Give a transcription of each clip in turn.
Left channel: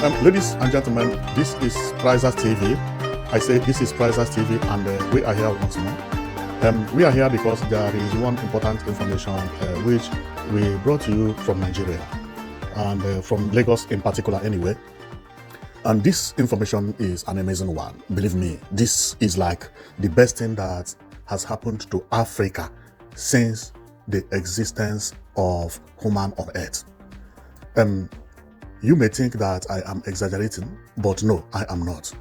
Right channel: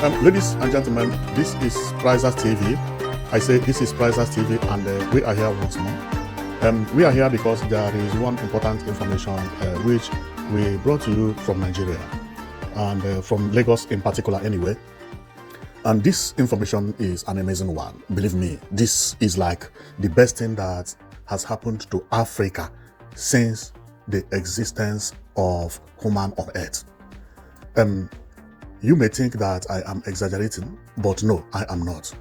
Ladies and gentlemen, this is Prizers TV. I say this is Prizers TV, and we are here once more. We are here because there is one important information which we brought to you from Nigeria and from Lagos in particular, anyway. And this information is an amazing one. Believe me, this is like the best thing that has happened to Africa since the existence of human on Earth. You may think that I am exaggerating, but no, I am not.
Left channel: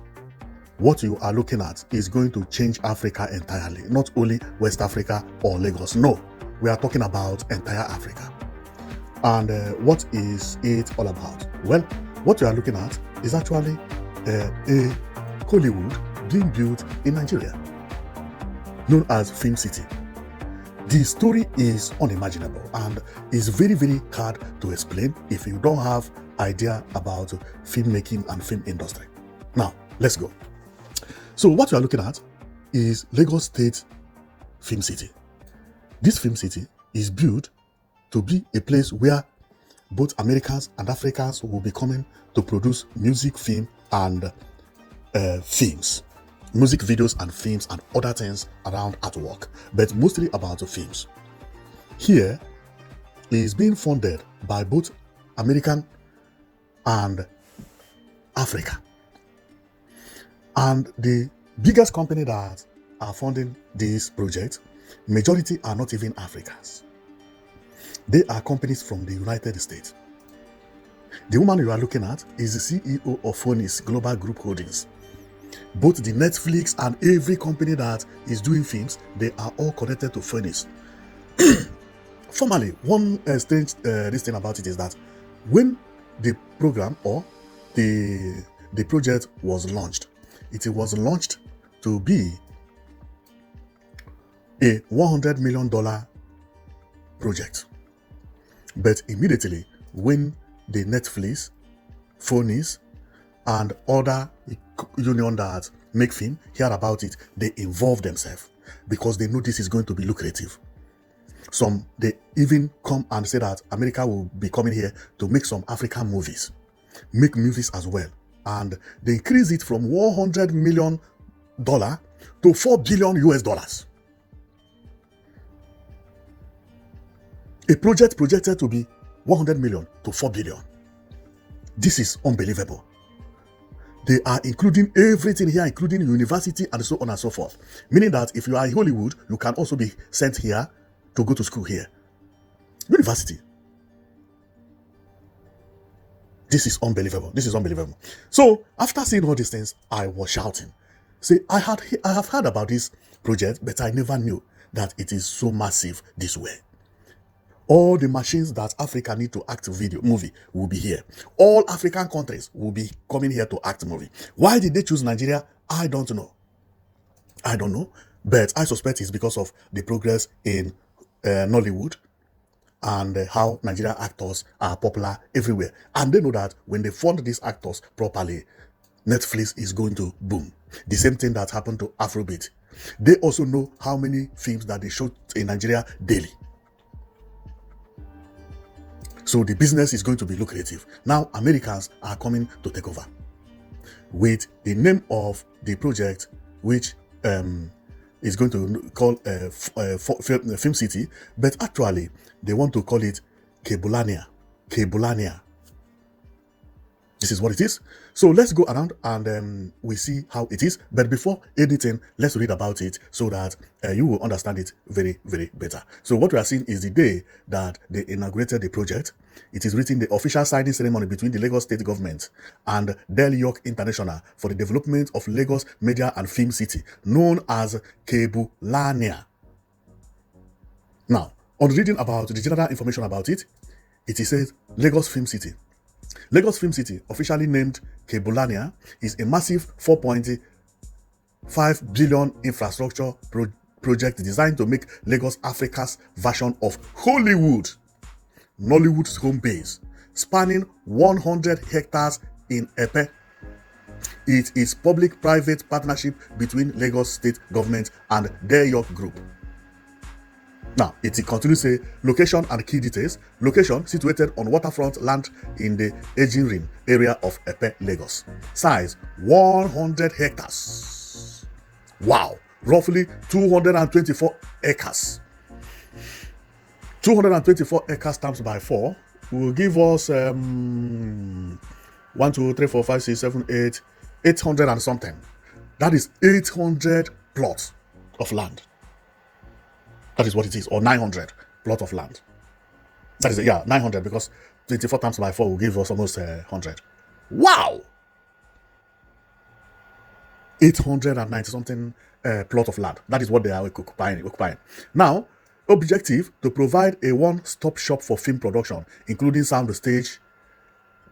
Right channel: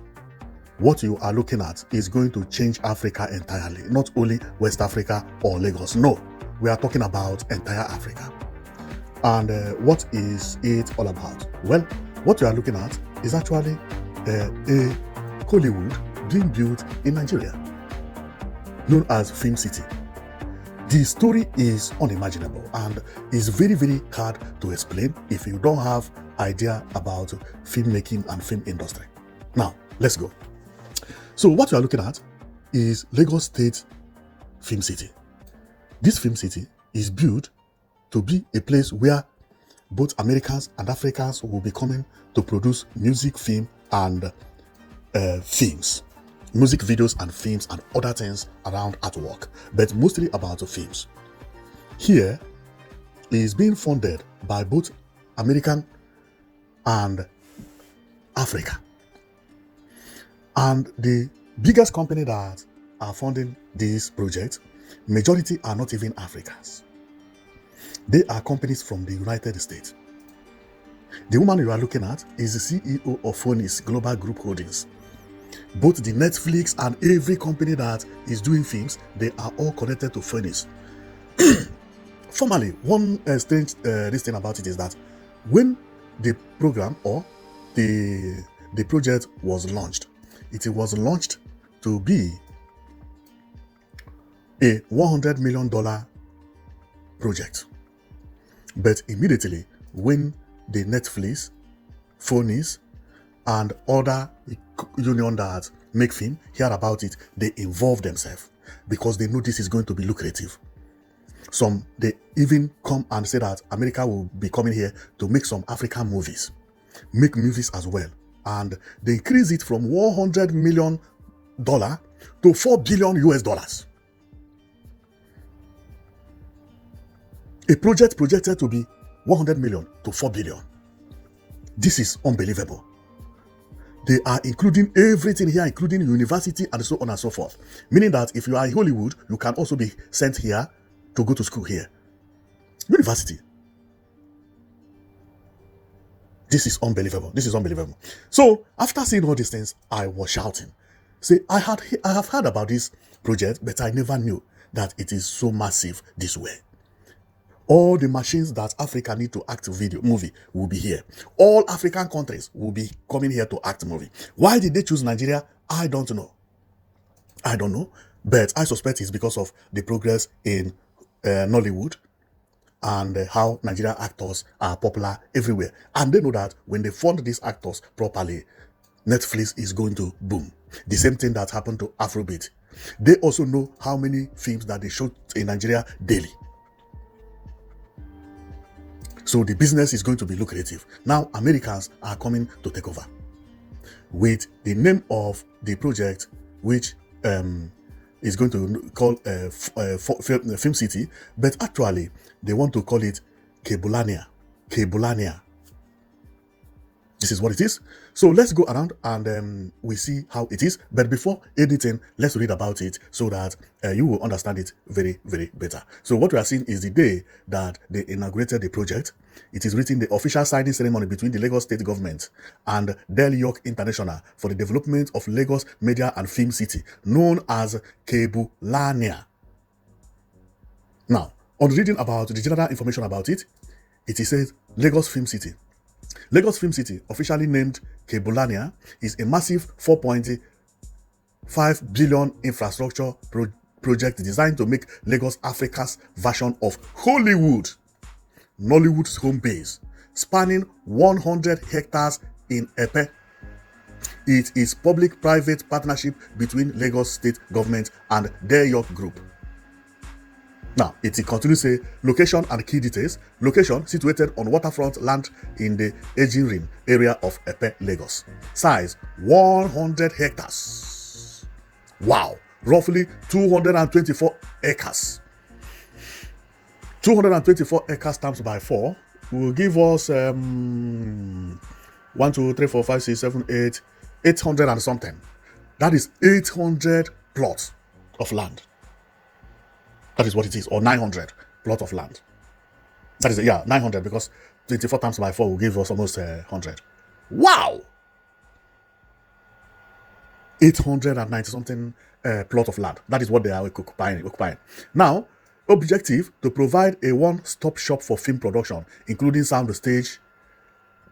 What you are looking at is going to change Africa entirely, not only West Africa or Lagos. No, we are talking about entire Africa. And what is it all about? Well, what you are looking at is actually a Hollywood being built in Nigeria, known as Film City. The story is unimaginable and it's very, very hard to explain if you don't have idea about filmmaking and film industry. Now, let's go. So what you are looking at is Lagos State Film City. This film city is built to be a place where both Americans and Africans will be coming to produce music, film, and films. Music videos and films and other things around artwork, but mostly about the films. Here, it is being funded by both American and Africa. And the biggest company that are funding this project, majority are not even Africans. They are companies from the United States. The woman you are looking at is the CEO of Phoenix Global Group Holdings. Both the Netflix and every company that is doing films, they are all connected to Phoenix. Formally, one strange thing about it is that when the program or the project was launched, it was launched to be a $100 million project. But immediately, when the Netflix, Phoenix, and other union that make film hear about it, they involve themselves because they know this is going to be lucrative. Some, they even come and say that America will be coming here to make some African movies, make movies as well. And they increase it from $100 million to $4 billion US. A project projected to be 100 million to 4 billion. This is unbelievable. They are including everything here, including university and so on and so forth. Meaning that if you are in Hollywood, you can also be sent here to go to school here. University. This is unbelievable. This is unbelievable. So after seeing all these things, I was shouting. See, I have heard about this project, but I never knew that it is so massive this way. All the machines that Africa need to act movie will be here. All African countries will be coming here to act movie. Why did they choose Nigeria? I don't know. But I suspect it's because of the progress in Nollywood and how Nigerian actors are popular everywhere. And they know that when they fund these actors properly, Netflix is going to boom. The same thing that happened to Afrobeat. They also know how many films that they shoot in Nigeria daily. So the business is going to be lucrative. Now, Americans are coming to take over. With the name of the project, which is going to call Film City, but actually, they want to call it Cabulania. This is what it is. So let's go around and we see how it is. But before editing, let's read about it so that you will understand it very, very better. So what we are seeing is the day that they inaugurated the project. It is written the official signing ceremony between the Lagos State Government and Del York International for the development of Lagos Media and Film City, known as Cabulania. Now, on reading about the general information about it, it says Lagos Film City. Lagos Film City, officially named Cabulania, is a massive 4.5 billion infrastructure project designed to make Lagos Africa's version of Hollywood, Nollywood's home base, spanning 100 hectares in Epe. It is public-private partnership between Lagos State Government and Del York Group. Now, it continues to say location and key details. Location situated on waterfront land in the Aging Rim area of Epe, Lagos. Size 100 hectares. Wow, roughly 224 acres. 224 acres times by 4 will give us 1, 2, 3, 4, 5, 6, 7, 8, 800 and something. That is 800 plots of land. That is what it is, or 900 plot of land. That is, 900, because 24 times by 4 will give us almost 100. Wow! 890 something plot of land. That is what they are occupying. Now, objective to provide a one-stop shop for film production, including sound stage,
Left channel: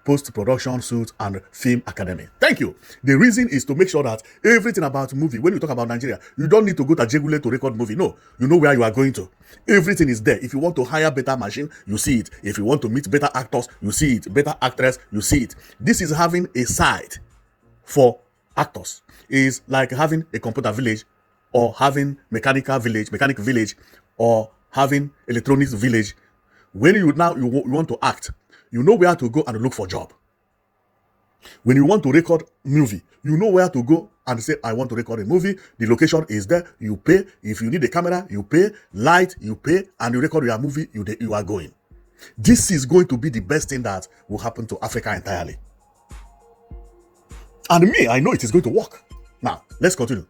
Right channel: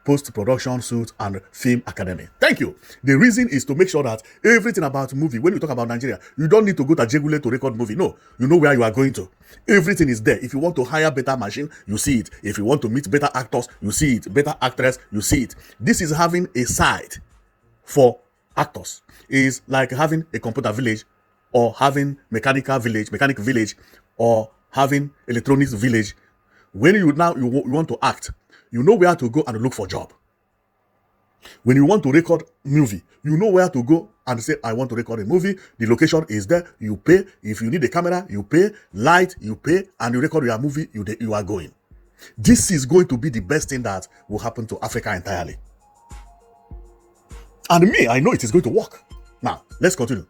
post-production suite, and film academy. Thank you. The reason is to make sure that everything about movie, when you talk about Nigeria, you don't need to go to Jegule to record movie. No, you know where you are going to. Everything is there. If you want to hire better machine, you see it. If you want to meet better actors, you see it. Better actress, you see it. This is having a site for actors. It is like having a computer village, or having mechanic village, or having electronics village. When you want to act, you know where to go and look for job. When you want to record movie, you know where to go and say, I want to record a movie. The location is there. You pay. If you need a camera, you pay. Light, you pay. And you record your movie, you are going. This is going to be the best thing that will happen to Africa entirely. And me, I know it is going to work. Now, let's continue.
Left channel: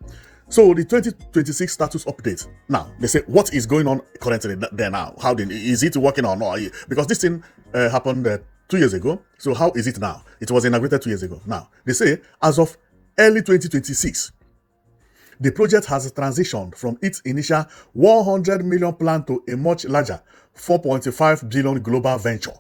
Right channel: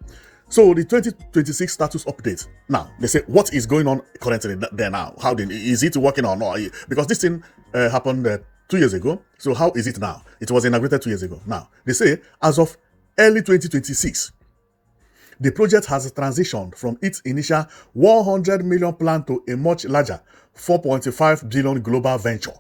So the 2026 status update. Now, they say, what is going on currently there now? Is it working or not? Because this thing happened 2 years ago. So how is it now? It was inaugurated 2 years ago. Now, they say, as of early 2026, the project has transitioned from its initial 100 million plan to a much larger 4.5 billion global venture.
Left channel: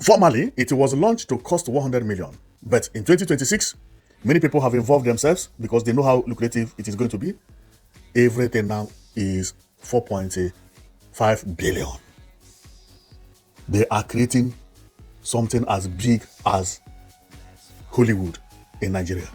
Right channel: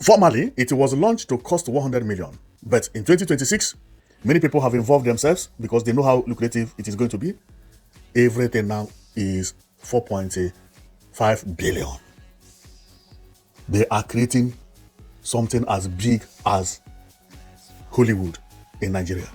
Formerly, it was launched to cost 100 million. But in 2026, many people have involved themselves because they know how lucrative it is going to be. Everything now is 4.5 billion. They are creating something as big as Hollywood in Nigeria.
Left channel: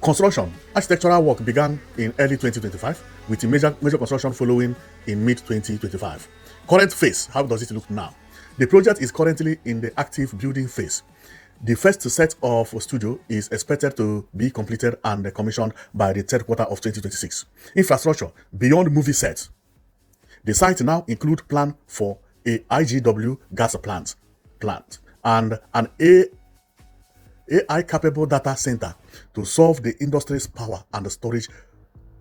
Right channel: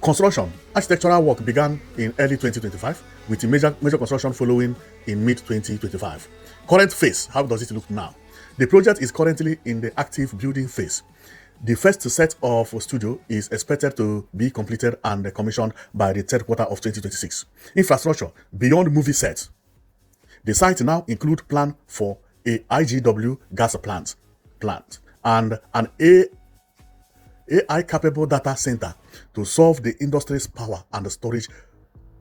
Construction, architectural work began in early 2025 with a major construction following in mid-2025. Current phase, how does it look now? The project is currently in the active building phase. The first set of studio is expected to be completed and commissioned by the third quarter of 2026. Infrastructure beyond movie sets. The site now includes plan for a IGW gas plant and an AI-capable data center to solve the industry's power and storage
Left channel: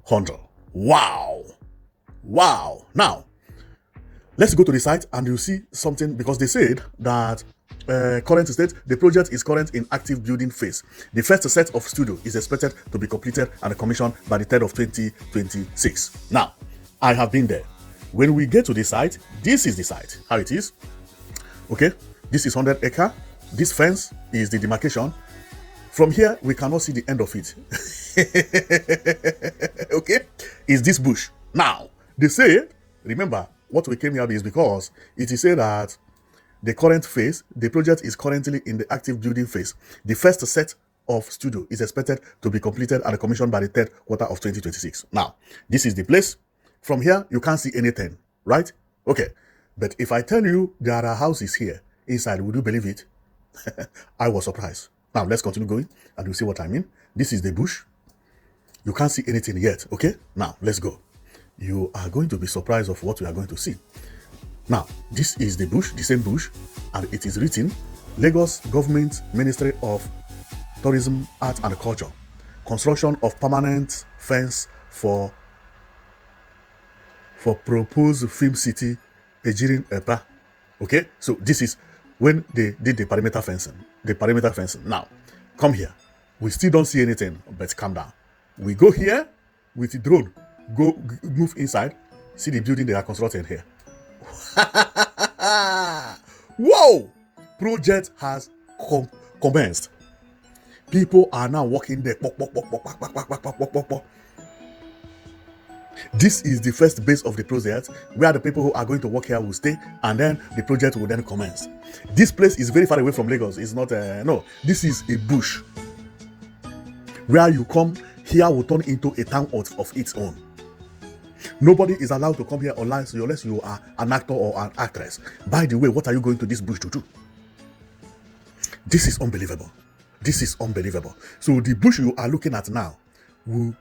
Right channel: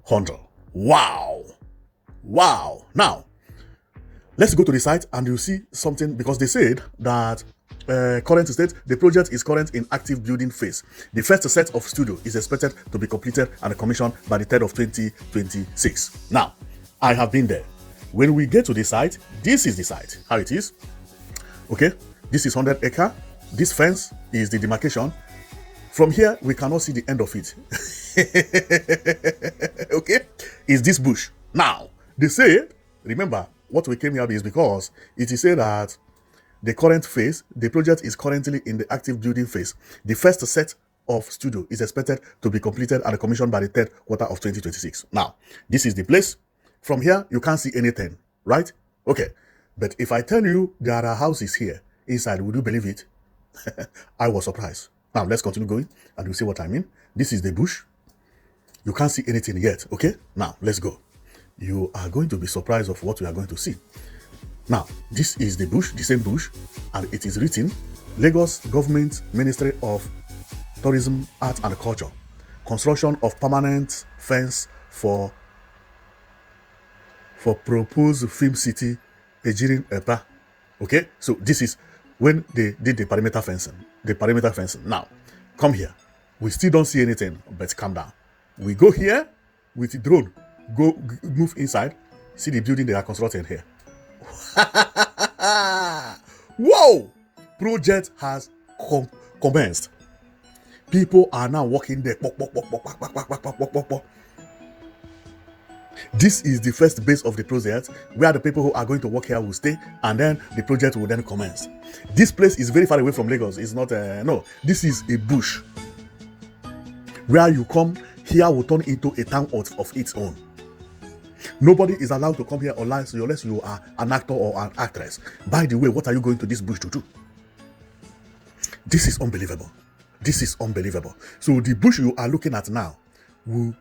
hurdle. Wow! Now, let's go to the site and you'll see something, because they said that current state, the project is current in active building phase. The first set of studio is expected to be completed and commissioned by the 3rd of 2026. Now, I have been there. When we get to the site, this is the site, how it is. Okay, this is 100 acre. This fence is the demarcation. From here, we cannot see the end of it. Okay, is this bush. Now, they say, remember, what we came here is because it is saying that the current phase, the project is currently in the active building phase. The first set of studio is expected to be completed and commissioned by the 3rd quarter of 2026. Now, this is the place. From here, you can't see anything, right? Okay. But if I tell you there are houses here inside, would you believe it? I was surprised. Now, let's continue going and you'll see what I mean. This is the bush. You can't see anything yet, okay? Now, let's go. You are going to be surprised of what you are going to see. Now, this is the bush, the same bush, and it is written, Lagos Government Ministry of Tourism, Art and Culture, construction of permanent fence for proposed film city, Ejirin Eta. Okay, so this is when they did the perimeter fencing. Now, come here. We still don't see anything, but calm down. We go here with the drone, move inside, see the building they are constructing here. Whoa! Project has commenced. People are now walking there. This is the first base of the project where the people who are going to work here will stay, and then the project will then commence. This place is very far away from Lagos. It's not no. This is a bush where you come here will turn into a town of its own. Nobody is allowed to come here online unless you are an actor or an actress. By the way, what are you going to this bush to do? This is unbelievable. This is unbelievable. So the bush you are looking at now will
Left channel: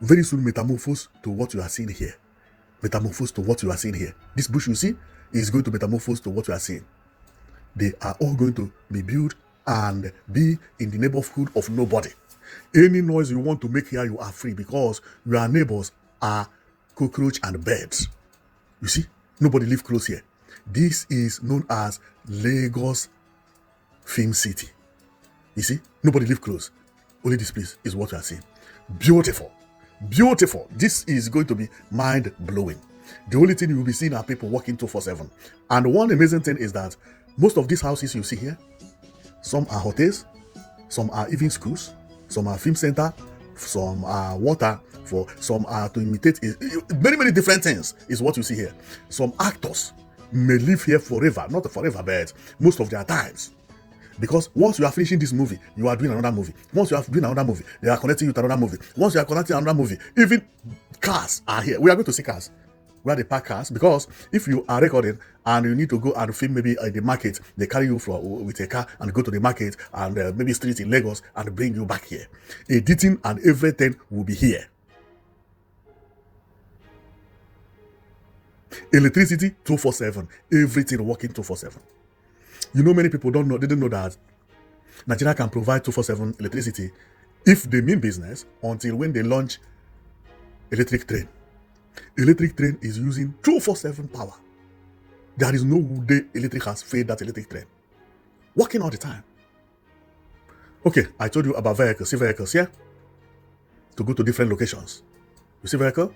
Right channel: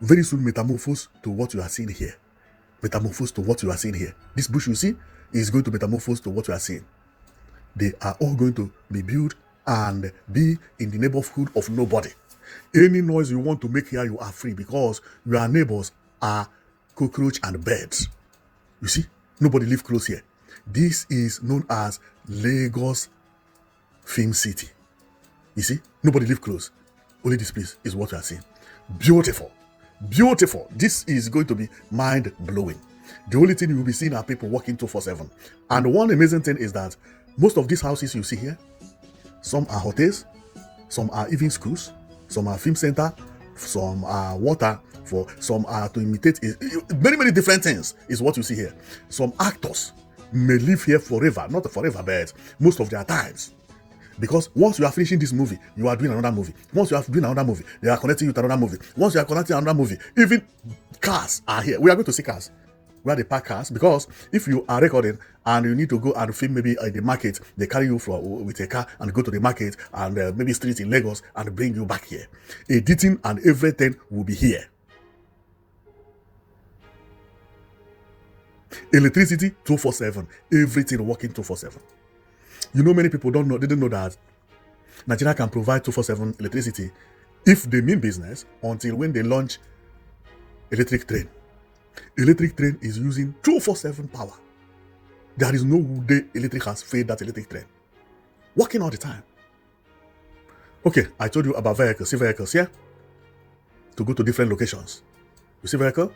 very soon metamorphose to what you are seeing here. Metamorphose to what you are seeing here. This bush you see is going to metamorphose to what you are seeing. They are all going to be built and be in the neighborhood of nobody. Any noise you want to make here, you are free because your neighbors are cockroach and birds. You see, nobody live close here. This is known as Lagos Film City. You see, nobody live close. Only this place is what you are seeing. Beautiful. Beautiful. This is going to be mind-blowing. The only thing you will be seeing are people walking 247. And one amazing thing is that most of these houses you see here, some are hotels, some are even schools, some are film center, some are water, some are to imitate very many different things is what you see here. Some actors may live here forever, not forever, but most of their times. Because once you are finishing this movie, you are doing another movie. Once you are doing another movie, they are connecting you to another movie. Once you are connecting another movie, even cars are here. We are going to see cars. Where they park cars, because if you are recording and you need to go and film maybe at the market, they carry you with a car and go to the market and maybe street in Lagos and bring you back here. Editing and everything will be here. Electricity 247, everything working 247. You know, many people didn't know that Nigeria can provide 247 electricity if they mean business until when they launch electric train. Electric train is using 247 power. There is no day electric has failed that electric train. Working all the time. Okay, I told you about vehicles. See vehicles here? To go to different locations. You see vehicle?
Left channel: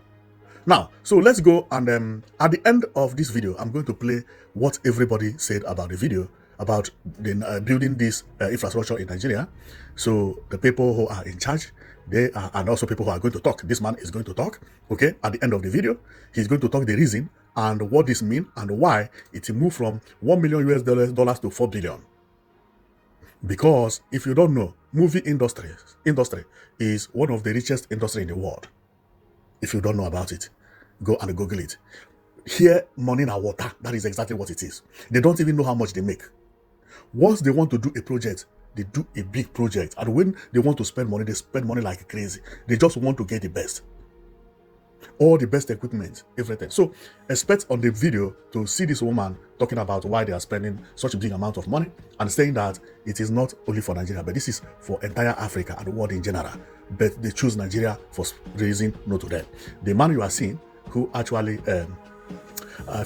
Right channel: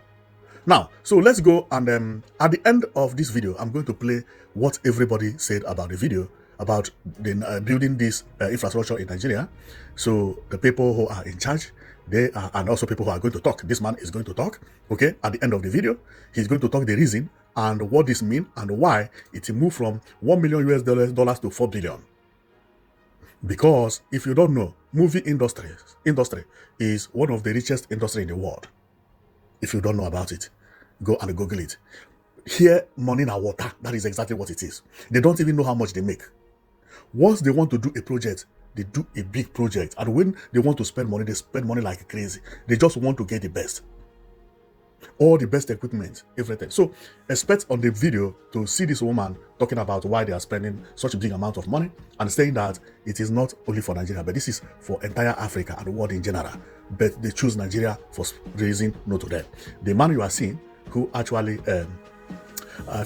Now, so let's go and at the end of this video, I'm going to play what everybody said about the video about building this infrastructure in Nigeria. So the people who are in charge, they are, and also people who are going to talk. This man is going to talk, okay? At the end of the video, he's going to talk the reason and what this means and why it moved from $1 million US to 4 billion. Because if you don't know, movie industry is one of the richest industry in the world. If you don't know about it, go and Google it. Here, money and water, that is exactly what it is. They don't even know how much they make. Once they want to do a project, they do a big project. And when they want to spend money, they spend money like crazy. They just want to get the best. All the best equipment, everything. So expect on the video to see this woman talking about why they are spending such a big amount of money and saying that it is not only for Nigeria, but this is for entire Africa and the world in general. But they choose Nigeria for reason not to them. The man you are seeing who actually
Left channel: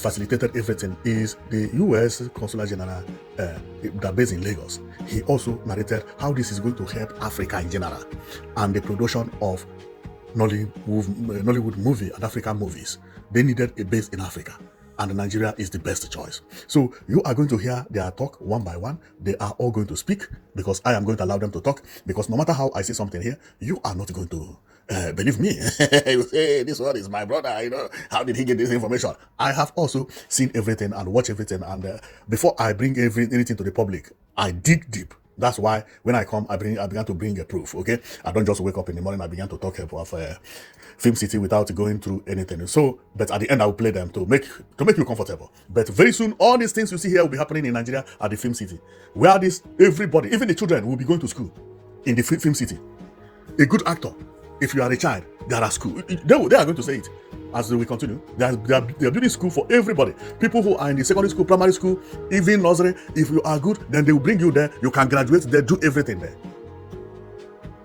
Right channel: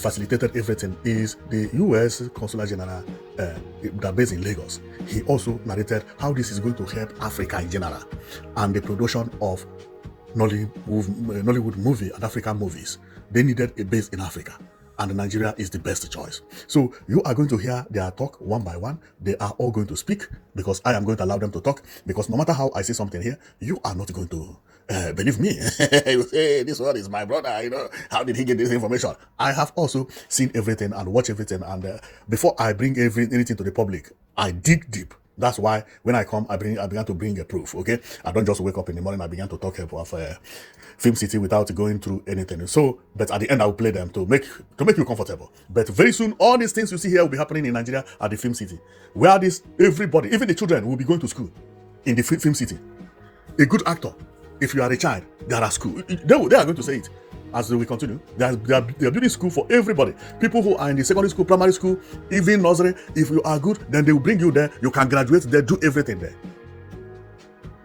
facilitated everything is the U.S. Consular General that based in Lagos. He also narrated how this is going to help Africa in general and the production of Nollywood movie and African movies. They needed a base in Africa, and Nigeria is the best choice. So you are going to hear their talk one by one. They are all going to speak because I am going to allow them to talk, because no matter how I say something here, you are not going to believe me. Hey, this one is my brother. You know, how did he get this information? I have also seen everything and watched everything, and before I bring everything to the public, I dig deep. That's why when I come, I began to bring a proof. Okay, I don't just wake up in the morning. I began to talk about Film City without going through anything. So, but at the end, I'll play them to make you comfortable. But very soon, all these things you see here will be happening in Nigeria at the Film City, where everybody, even the children, will be going to school in the Film City. A good actor, if you are a child, they are at school. They are going to say it as we continue. They are building school for everybody. People who are in the secondary school, primary school, even nursery. If you are good, then they will bring you there. You can graduate there, do everything there.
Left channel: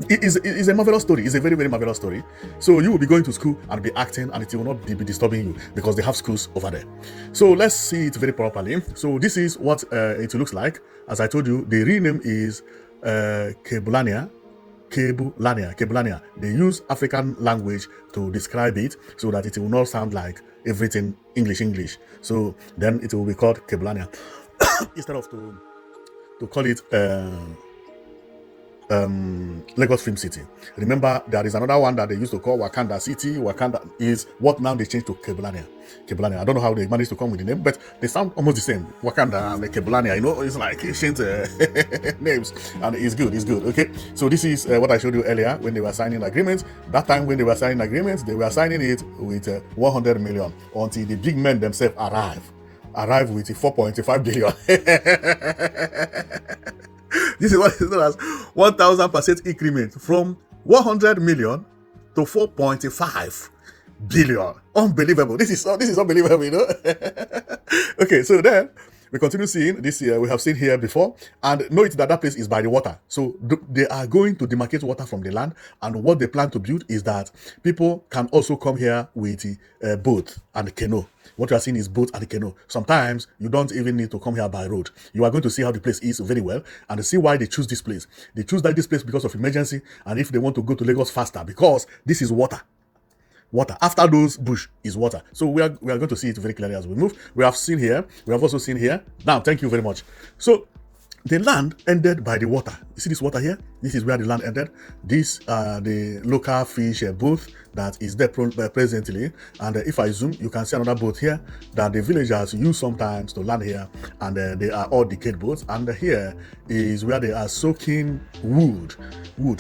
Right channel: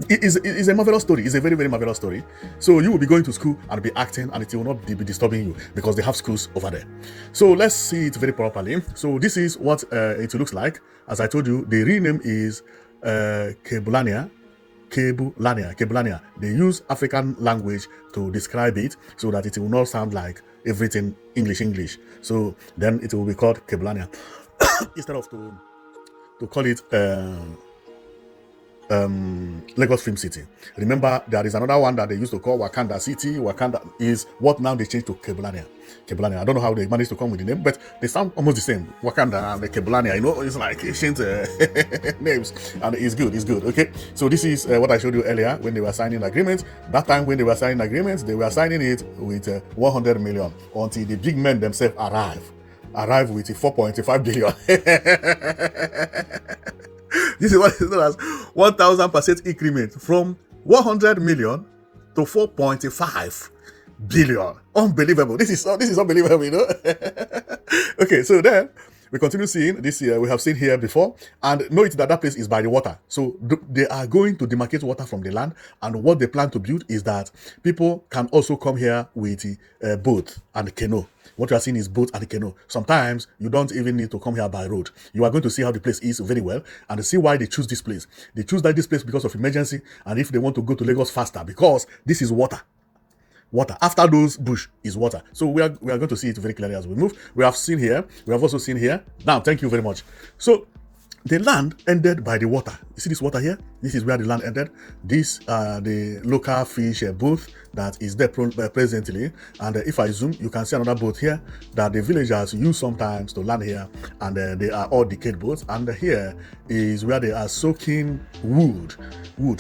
It is a marvelous story. It's a very, very marvelous story. So you will be going to school and be acting, and it will not be disturbing you because they have schools over there. So let's see it very properly. So this is what it looks like. As I told you, the real name is Keblania. They use African language to describe it so that it will not sound like everything English. So then it will be called Keblania instead of to call it Lagos Film City. Remember, there is another one that they used to call Wakanda City. Wakanda is what now they changed to Keblania. Keblania. I don't know how they managed to come with the name, but they sound almost the same. Wakanda and the Keblania. You know, it's like ancient names, and it's good. It's good. Okay. So this is what I showed you earlier when they were signing agreements. That time when they were signing agreements, they were signing it with 100 million until the big men themselves arrive with 4.5 billion. This is what is known as 1,000% increment from 100 million to 4.5 billion. Unbelievable. This is unbelievable, you know. Okay, so then we continue seeing this year. We have seen here before, and note that place is by the water. So they are going to demarcate water from the land, and what they plan to build is that people can also come here with the boat and canoe. What you are seeing is boat and canoe. Sometimes you don't even need to come here by road. You are going to see how the place is very well and see why they choose this place. They choose this place because of emergency, and if they want to go to Lagos faster, because this is water. Water. After those bush is water. So we are going to see it very clearly as we move. We have seen here. We have also seen here. Now, thank you very much. So the land ended by the water. You see this water here? This is where the land ended. This the local fish boat that is there presently. And if I zoom, you can see another boat here that the villagers use sometimes to land here. And they are all decayed boats. And here is where they are soaking wood.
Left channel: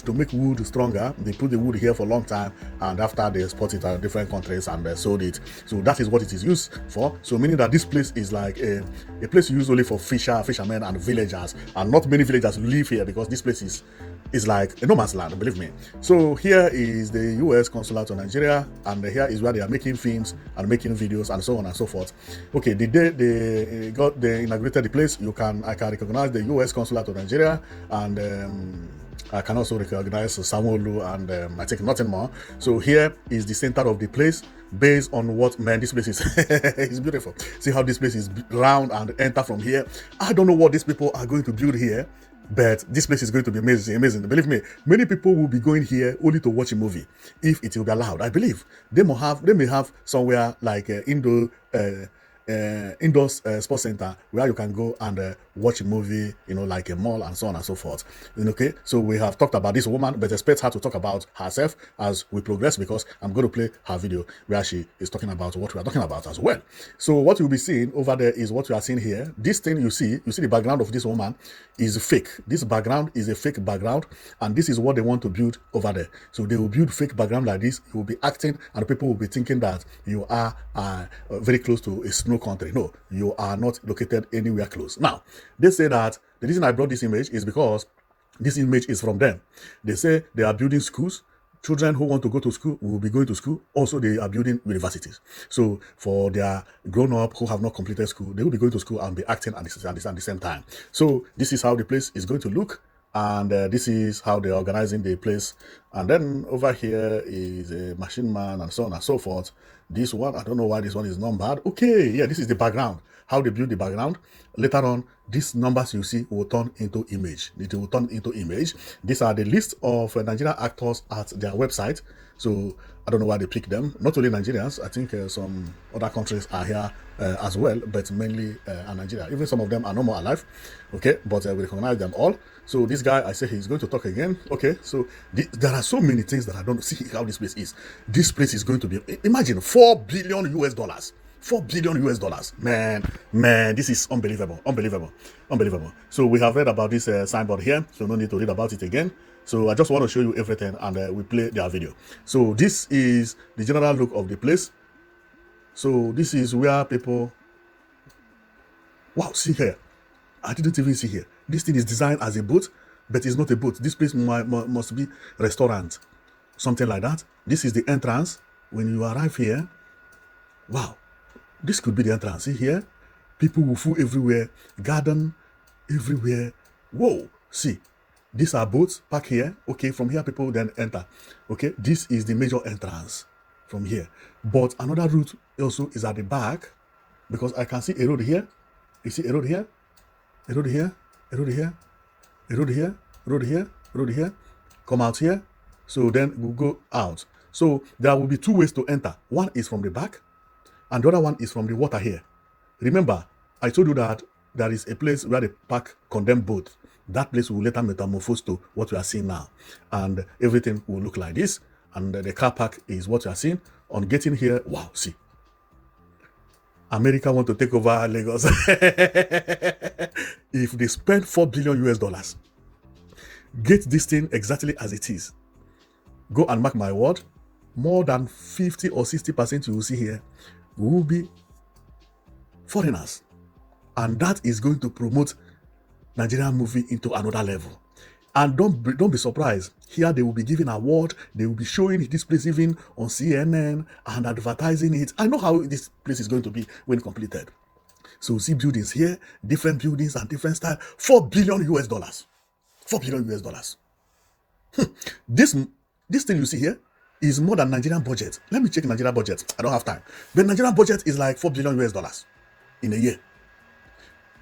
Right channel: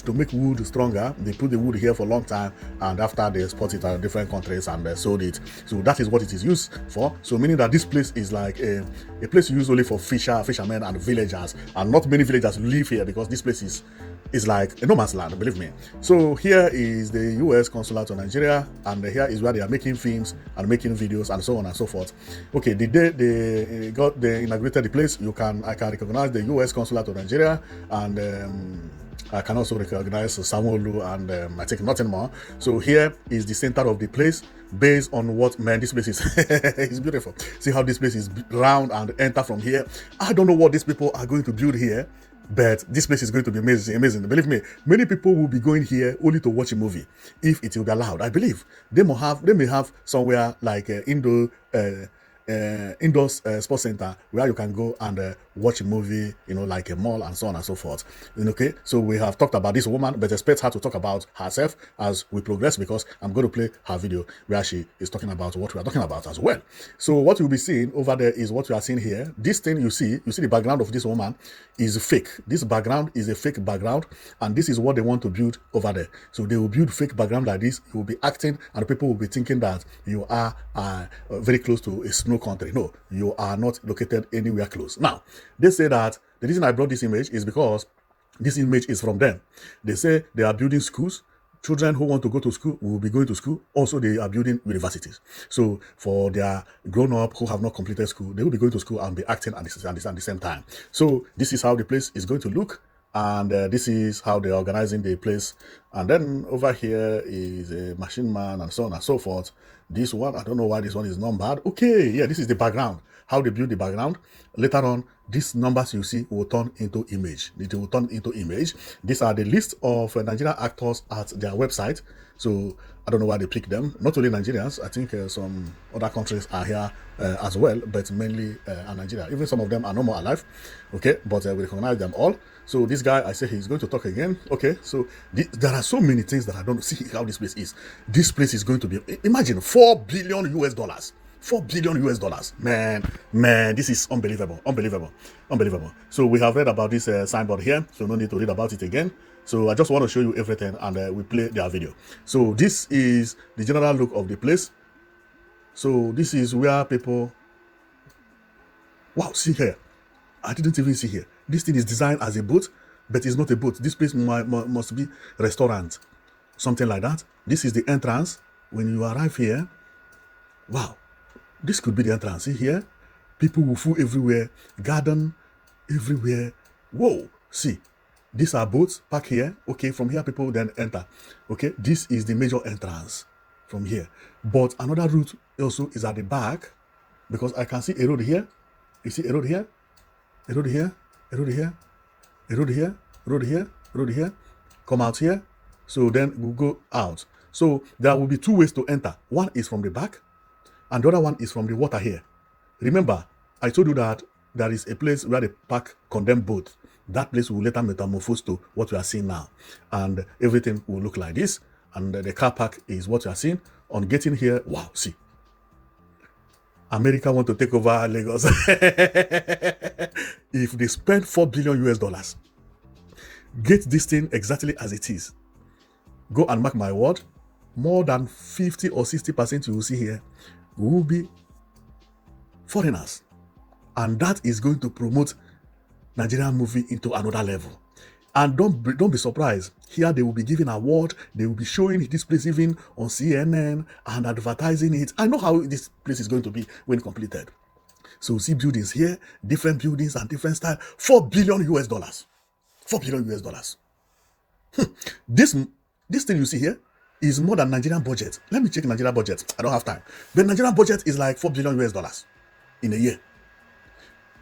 To make wood stronger. They put the wood here for a long time. And after they export it to different countries and they sold it. So that is what it is used for. So meaning that this place is like a place used only for fishermen and villagers. And not many villagers live here because this place is like a no man's land, believe me. So here is the U.S. consulate to Nigeria, and here is where they are making films and making videos and so on and so forth. Okay, the day they inaugurated the place, I can recognize the U.S. consulate to Nigeria, and I can also recognize Samuel and I think nothing more. So here is the center of the place. Based on what, man, this place is it's beautiful. See how this place is round and enter from here. I don't know what these people are going to build here, but this place is going to be amazing. Believe me, many people will be going here only to watch a movie if it will be allowed. I believe they may have somewhere like indoor sports center where you can go and watch a movie, like a mall and so on and so forth. Okay, so we have talked about this woman, but expect her to talk about herself as we progress, because I'm going to play her video where she is talking about what we are talking about as well. So what you'll be seeing over there is what you are seeing here. This thing you see the background of this woman is fake. This background is a fake background, and this is what they want to build over there. So they will build fake background like this. You will be acting, and people will be thinking that you are very close to a snow country. No, you are not located anywhere close. Now, they say that the reason I brought this image is because this image is from them. They say they are building schools. Children who want to go to school will be going to school. Also, they are building universities. So for their grown-up who have not completed school, they will be going to school and be acting at the same time. So this is how the place is going to look. And this is how they're organizing the place. And then over here is a machine man and so on and so forth. This one, I don't know why this one is numbered. Okay, yeah, this is the background. How they build the background. Later on, these numbers you see will turn into image. It will turn into image. These are the list of Nigerian actors at their website. So I don't know why they pick them. Not only Nigerians, I think some other countries are here as well, but mainly Nigeria. Even some of them are no more alive. Okay, but we recognize them all. So this guy, I say he's going to talk again. Okay, so there are so many things that I don't see how this place is. This place is going to be, imagine, $4 billion US. $4 billion US. Man, this is unbelievable. So we have read about this signboard here, so no need to read about it again. So I just want to show you everything, and we play their video. So this is the general look of the place. So this is where people, wow, see here. I didn't even see here. This thing is designed as a boat, but it's not a boat. This place must be a restaurant, something like that. This is the entrance. When you arrive here, wow, this could be the entrance. See here, people will fool everywhere, garden everywhere. Whoa, see, these are boats back here. Okay, from here people then enter. Okay, this is the major entrance from here. But another route also is at the back, because I can see a road here. You see a road here, a road here, a road here, a road here, a road here, a road here. Come out here. So then we'll go out. So there will be two ways to enter. One is from the back, and the other one is from the water here. Remember, I told you that there is a place where they park condemned boat. That place will later metamorphose to what we are seeing now. And everything will look like this. And the car park is what you are seeing. On getting here, wow, see. America want to take over Lagos. If they spend $4 billion US, get this thing exactly as it is. Go and mark my word, more than 50 or 60% you will see here will be foreigners. And that is going to promote Nigerian movie into another level. And don't be surprised. Here they will be giving award. They will be showing this place even on CNN and advertising it. I know how this place is going to be when completed. So you see buildings here, different buildings and different style. $4 billion US. $4 billion US. This thing you see here is more than Nigerian budget. Let me check Nigerian budget. I don't have time. The Nigerian budget is like $4 billion US in a year.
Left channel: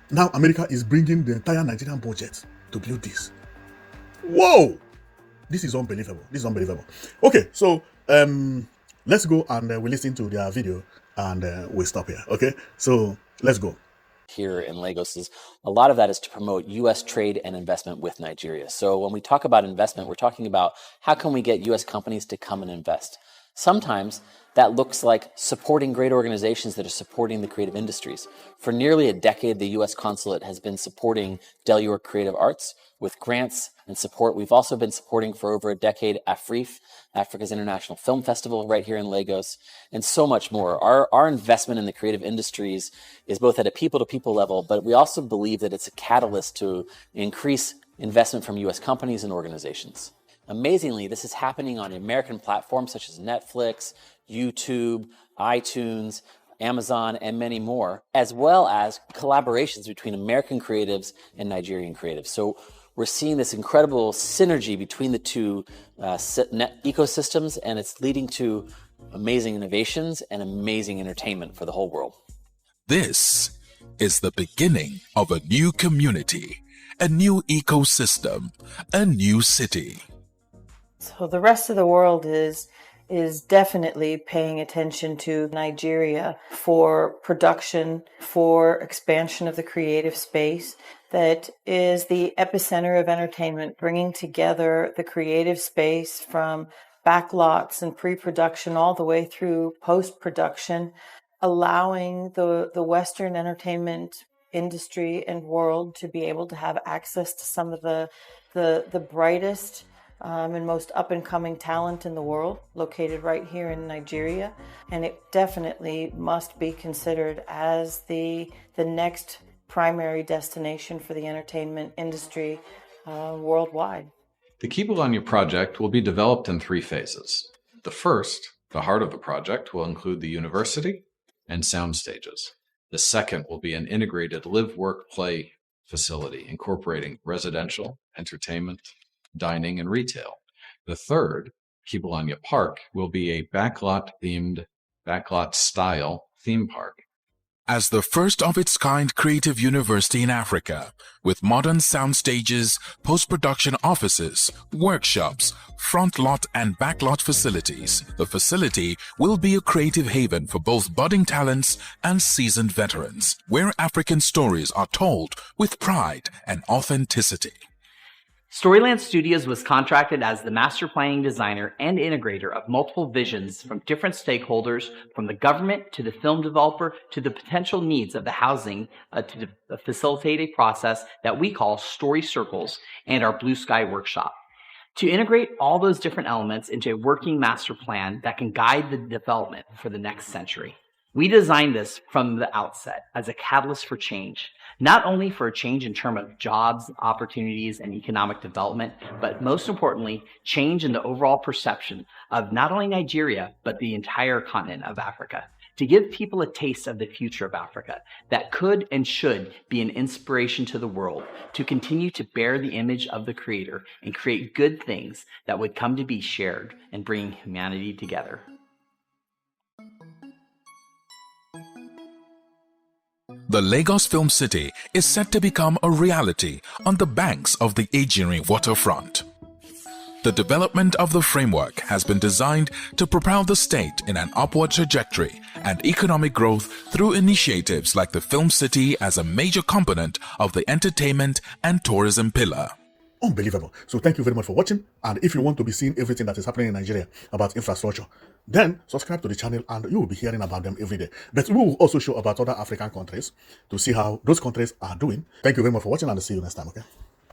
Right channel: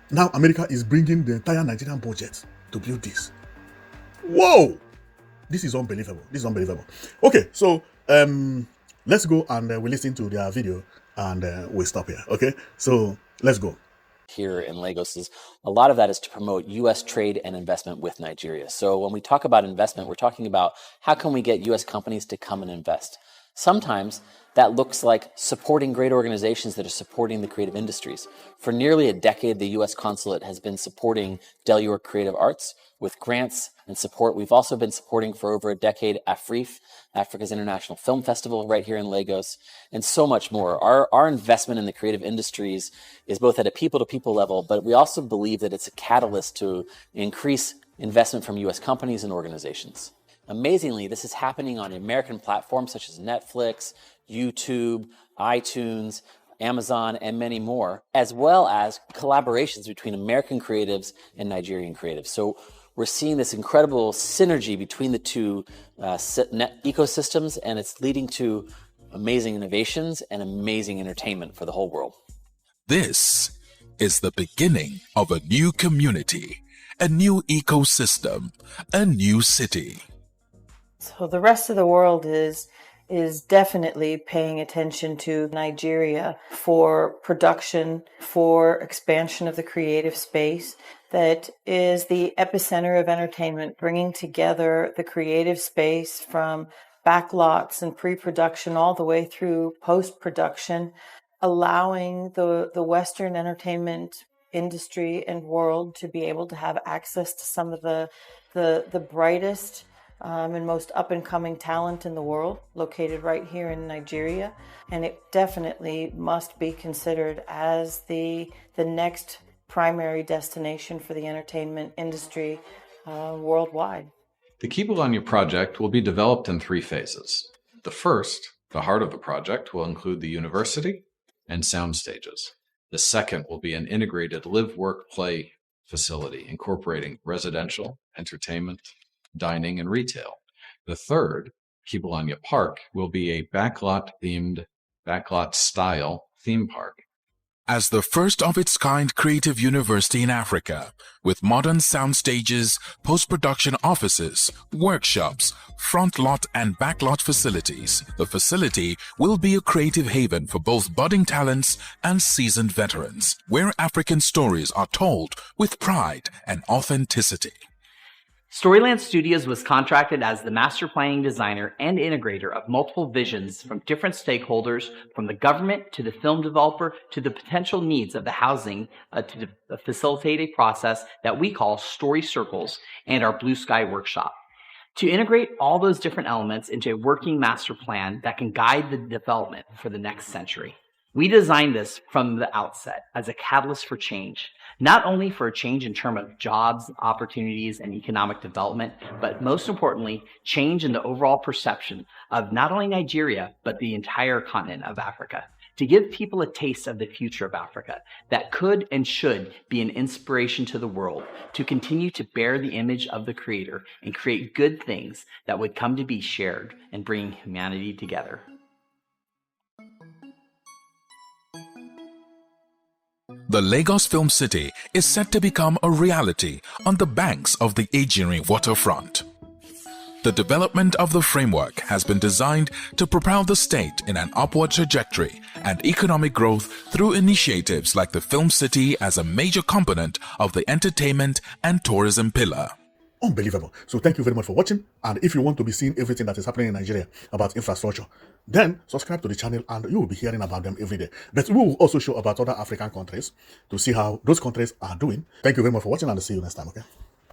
Now America is bringing the entire Nigerian budget to build this. Whoa! This is unbelievable. Okay, so let's go and we listen to their video and we'll stop here. Okay, so let's go. Here in Lagos is a lot of that is to promote U.S. trade and investment with Nigeria. So when we talk about investment, we're talking about how can we get U.S. companies to come and invest. Sometimes that looks like supporting great organizations that are supporting the creative industries. For nearly a decade, the U.S. consulate has been supporting Del York Creative Arts with grants and support. We've also been supporting for over a decade AFRIF, Africa's International Film Festival, right here in Lagos, and so much more. Our investment in the creative industries is both at a people-to-people level, but we also believe that it's a catalyst to increase investment from U.S. companies and organizations. Amazingly, this is happening on American platforms such as Netflix, YouTube, iTunes, Amazon, and many more, as well as collaborations between American creatives and Nigerian creatives. So we're seeing this incredible synergy between the two ecosystems, and it's leading to amazing innovations and amazing entertainment for the whole world. This is the beginning of a new community, a new ecosystem, a new city. So the rest of the world is definitely paying attention to Nigeria for production, for expansion of the creative space that is the epicenter of entertainment, bringing together the creative space from backlots and pre-production all the way through post-production, allowing the Western entertainment industry and world to be able to have access to some of the brightest and most up-and-coming talent in the world, located right here in Nigeria. And it definitely must be considered as the next primary destination for the entertainment industry worldwide. The Kibolanya project will be developed in 3 phases. The first, the heart of the project, will include the university and sound stages. The second will be an integrated live, work, play facility incorporating residential, entertainment, dining, and retail. The third, Kibolanya Park, will be a backlot-style theme park. As the first of its kind creative university in Africa, with modern sound stages, post-production offices, workshops, front lot and back lot facilities, the facility will be a creative haven for both budding talents and seasoned veterans, where African stories are told with pride and authenticity. Storyland Studios was contracted as the master planning designer and integrator of multiple visions from different stakeholders, from the government to the film developer to the potential needs of the housing to facilitate a process that we call Story Circles and our Blue Sky Workshop. To integrate all those different elements into a working master plan that can guide the development for the next century. We designed this from the outset as a catalyst for change, not only for a change in terms of jobs, opportunities, and economic development, but most importantly, change in the overall perception of not only Nigeria, but the entire continent of Africa, to give people a taste of the future of Africa that could and should be an inspiration to the world, to continue to bear the image of the Creator and create good things that would come to be shared and bring humanity together. The Lagos Film City is set to become a reality on the banks of the Ejiri waterfront. The development of the framework has been designed to propel the state in an upward trajectory and economic growth through initiatives like the Film City as a major component of the entertainment and tourism pillar. Unbelievable. So thank you very much for watching. And if you want to be seeing everything that is happening in Nigeria about infrastructure, then subscribe to the channel and you will be hearing about them every day. But we will also show about other African countries to see how those countries are doing. Thank you very much for watching and I'll see you next time, okay?